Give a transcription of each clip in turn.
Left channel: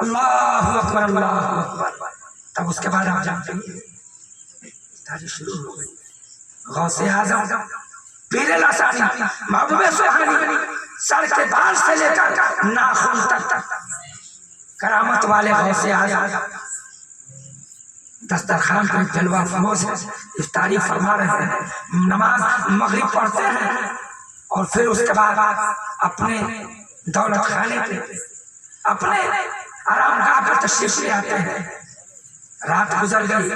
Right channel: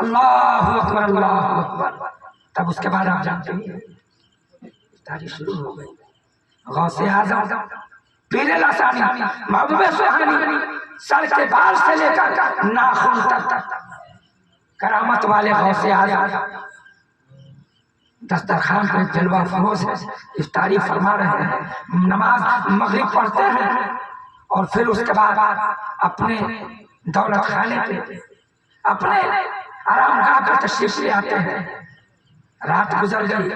अल्लाहु अकबर अल्लाहु अकबर। तब उसके बाद आप जानते हैं ताजी शुरू हो गई। गौसे आजम पीरे लासानी महबूबे सुहानी सर के बाल से लेकर नाखून तक करामत वाले गौसे आजम दस्तरखान पे जलवा फरोज है, इफ्तारी फरमा रहे हैं, नमाज मगरिब पढ़ते हैं और फिर उसके बाद अपने दौलत खाने पे अपने आरामगाह पर तशरीफ ले आते हैं। रात गुजर गई,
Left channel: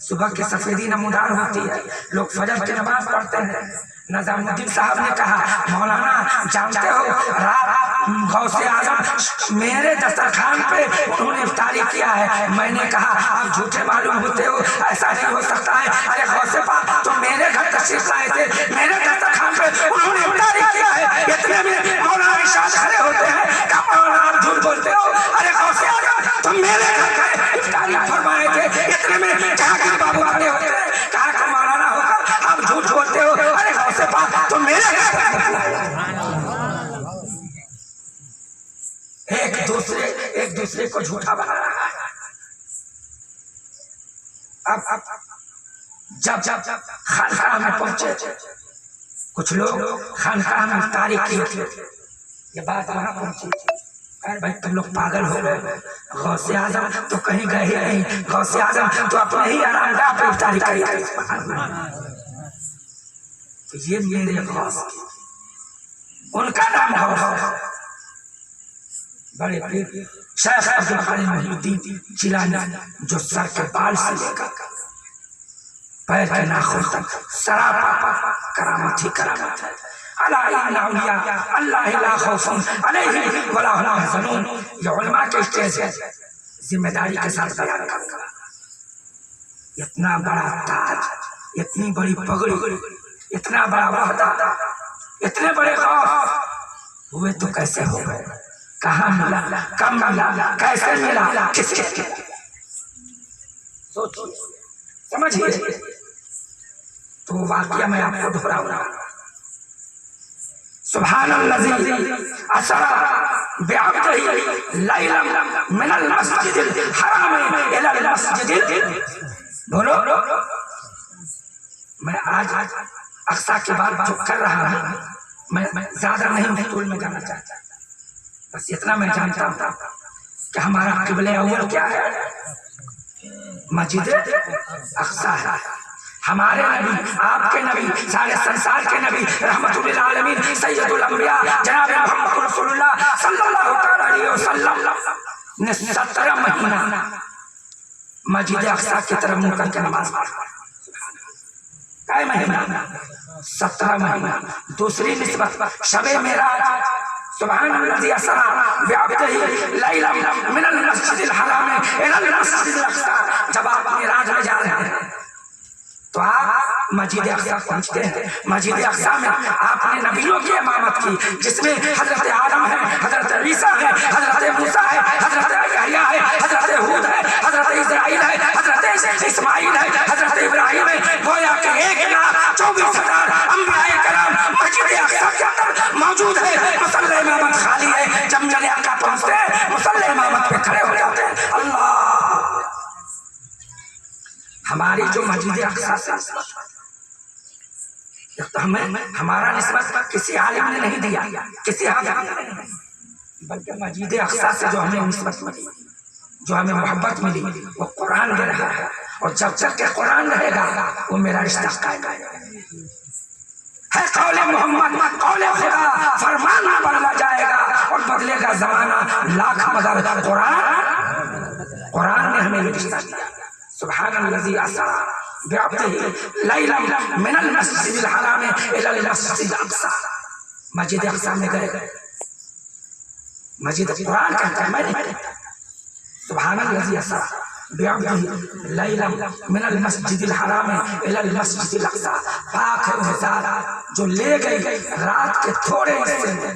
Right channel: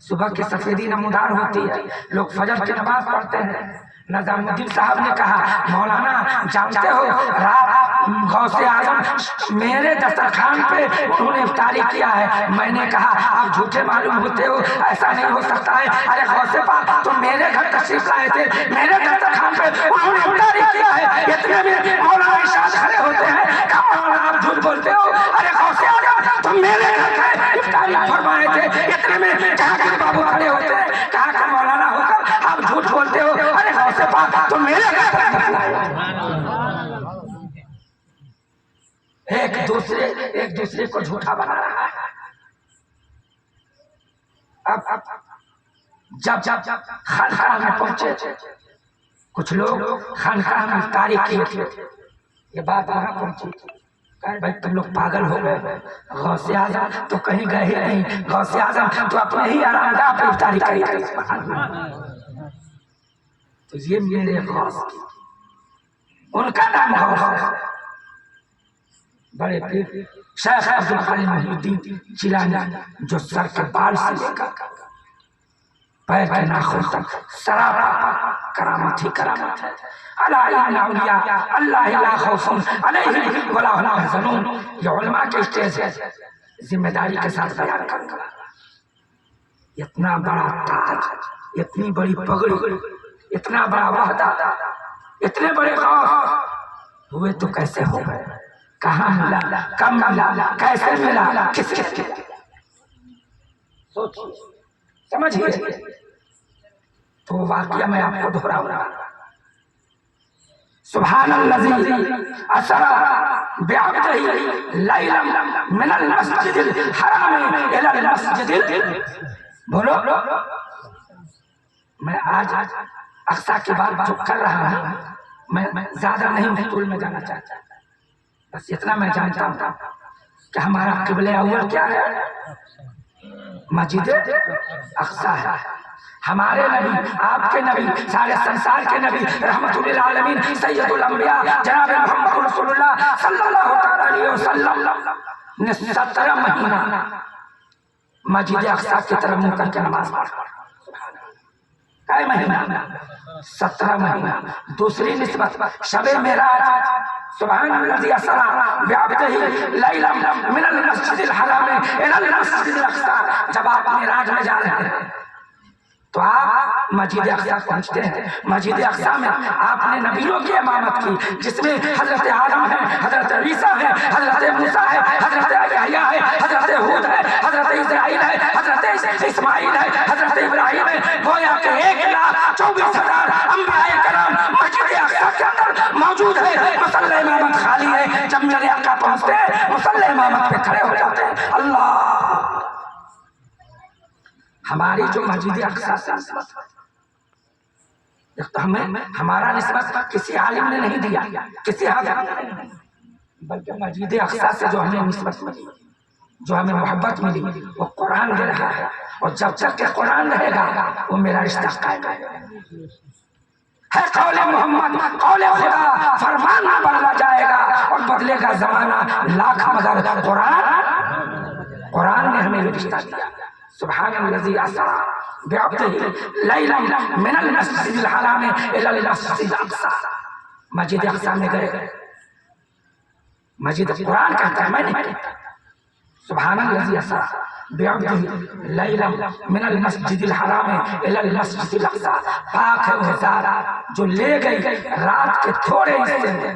सुबह की सफेदी नमूदार होती है, लोग फजर की नमाज पढ़ते हैं। नजामुद्दीन साहब ने कहा, मौलाना जानते हो रात गौसे आजम मेरे दस्तरखान पे उन्होंने इफ्तारी किया है। मैंने कहा आप झूठे मालूम होते हो, ऐसा नहीं हो सकता है। अरे गौसे पाक तुम मेरे घर तशरीफ लाए थे, मेरे दस्तरखान पे उन्होंने इफ्तारी किया है। इतने में मौलाना इरशाद खड़े होते हैं, कब मौलाना आप झूठ बोलते हो? अरे गौसे आजम तुम मेरे घर इफ्तारी फरमाए थे। इतने में जहांगीर बाबू खड़े होते हैं, कहा कि मौलाना होकर आप झूठ बोलते हो। अरे गौसे पाक तुम मेरे घर एक दूसरे को झूठा बना रहा है। अब जब खानकाह में पहुंचे, कुछ लोग खानकाह में इफ्तारी किए थे, ये बात वहां पहुंची। भाई तुम लोग पागल हो गए, गौसे आजम तो कहीं गए ही नहीं, गौसे आजम तो अपने ही आरामगाह पे इफ्तारी करी। तो ये मेरे गौस, उनका नाम गौस है। बड़े पीर शेख अब्दुल कादिर मोइनुद्दीन जिलानी, जो सर के बाल से लेकर पैर के नाखून तक सरापा करामत ही करामत है। ये उलमा के स्टेज है, जिम्मेदारी के साथ बयान करूंगा। इतना बड़ा ताज, इतनी बड़ी पगड़ी, इतना बड़ा वाहदा, इतने बड़े खौफ हुए तो कैसे हो गए? कहाँ मिला, कब मिला, कैसे मिला, किसके मिला? सोचिए, समझिए। तो वाकया मैं आपको दोहरा रहा हूं। सुब्हानल्लज़ी असरा बिअब्दिही लैलन मिनल मस्जिदिल हराम इलल मस्जिदिल, बोलो। मैं आज अक्सा की बात जो कर रहा हूं, मैं ज्यादा नहीं तूल में जाना चाहता, बस इतना मैं जानता हूं कि हमारा क़िबले अव्वल क्या है? मस्जिद अक्सा है। हमारे नबी, आपके नबी, सारे संसार के नबी, रहमतुल आलमीन सैयदुल अंबिया जनाब मोहम्मद रसूलुल्लाह सल्लल्लाहु अलैहि वसल्लम ने 17 महीना मस्जिद अक्सा की तरफ मुंह करके नमाज पढ़ी। कई महीना? 17 महीना। दूसरी निस्बत शबे मेराज, सुब्हानल्लज़ी असरा बिअब्दिही लैलन मिनल मस्जिदिल हराम इलल मस्जिदिल अक्सा। जब आप मेराज में जा रहे हैं तो आप मस्जिद अक्सा पहुंचते हैं। मस्जिद अक्सा में आपने नबियों की इमामत की, जिसमें हजरत आदम है, हजरत ईसा है, हजरत मूसा है, हजरत यहया है, हजरत हूद है, हजरत इस्राइल है, हजरत इस्माइल है, हजरत इब्राहिम है। गोया के 1,24,000 अंबिया कराम मस्जिद अक्सा के अंदर मौजूद है। मुसल्ले इमामत खाली है। जब मेरे आका पहुंचते हैं, मुसल्ले इमामत पे खड़े हो जाते हैं। अल्लाह, हमारी जो मस्जिद अक्सा से निस्बत, तो हमें हमारा निस्बत किसी आलिम ने नहीं दिया, किसी हाफिज ने नहीं, बल्कि मस्जिद अक्सा से जो हमें निस्बत मिली, जो हमें मोहब्बत मिली, वो कुरान दे रहा है। और जब तक के कुरान रहेगा वो मेरा रिश्ता कायम है। कौले मोहम्मद कौले खुदा, फरमान ना बदला जाएगा और बदलेगा जमाना लाख, मगर कुरान ने हमें रिश्ता दिया। सुब्हानल्लज़ी असरा बिअब्दिही लैलन मिनल मस्जिदिल हराम इलल मस्जिदिल अक्सा। मस्जिद अक्सा में गए, मस्जिद कुरान कहता है, मैं नहीं कहता। सुब्हानल्लज़ी असरा बिअब्दिही लैलन मिनल मस्जिदिल हराम इलल मस्जिदिल अक्सा। पाक है वो ज़ात जो ले गई रात के थोड़े हिस्से में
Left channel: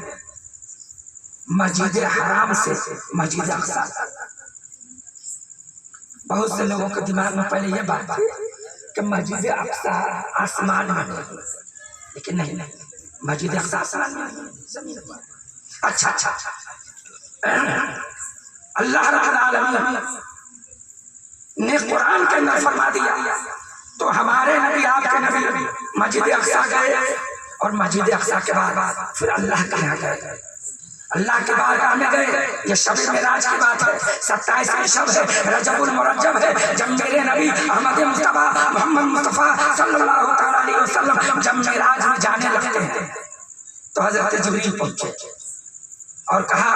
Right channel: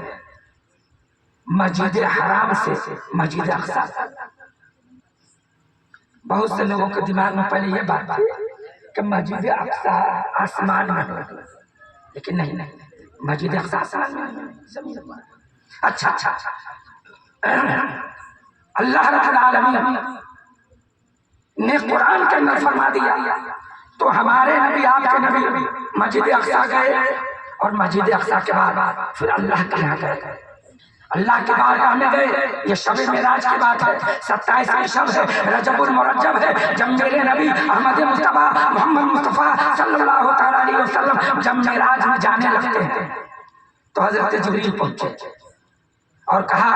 मस्जिद हराम से मस्जिद अक्सा। बहुत से लोगों के दिमाग में पहले ये बात थी कि मस्जिद अक्सा आसमान में है, लेकिन नहीं, मस्जिद अक्सा आसमान में जमीन पर। अच्छा, अल्लाह रब्बुल आलमीन ने कुरान के अंदर फरमा दिया, तो हमारे नबी आपके नबी मस्जिद अक्सा गए और मस्जिद अक्सा के बाद फिर अल्लाह के यहाँ गए, अल्लाह के बारगाह में गए। ये शब मेराज की बात है, 27वीं शब है, रजबुल मुरज्जब है, जब मेरे नबी अहमद मुस्तफा मोहम्मद मुस्तफा सल्लल्लाहु तआला अलैहि वसल्लम जब मेराज में जाने लगते हैं तो हजरत जिब्रील पहुंचे और कहा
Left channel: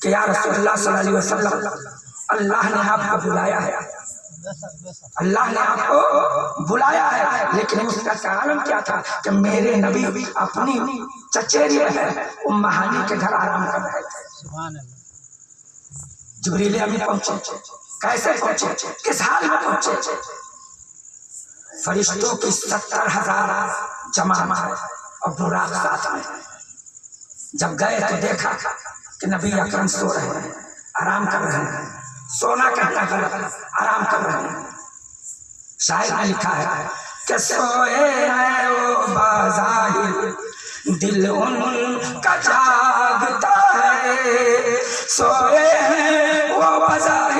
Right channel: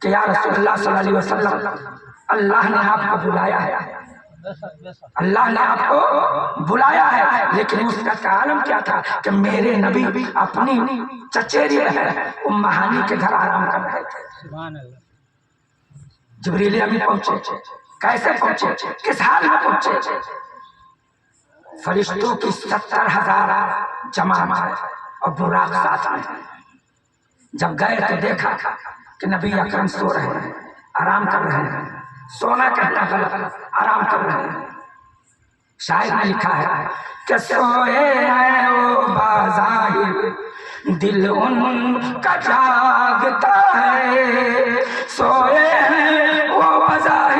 कि या रसूलुल्लाह सल्लल्लाहु अलैहि वसल्लम, अल्लाह ने आपको बुलाया है, अल्लाह ने आपको बुलाया है। लेकिन उसका कारण क्या था कि मेरे नबी अपनी चचेरी बहन उम्म हानी के घर आराम कर रहे थे। सुभान अल्लाह। जिब्रील अमीन पहुंचे, कैसे पहुंचे, किस हाल में पहुंचे? फरिश्तों की 70,000 जमात और बुराक साथ में। जब गए तो देखा कि नबी अकरम सो रहे हैं, आराम कर रहे हैं। सोना कहना गलत, आराम कर रहे हैं। शायद में लिखा है कि सोए हैं ओ बाज़ाहिर, दिल उनका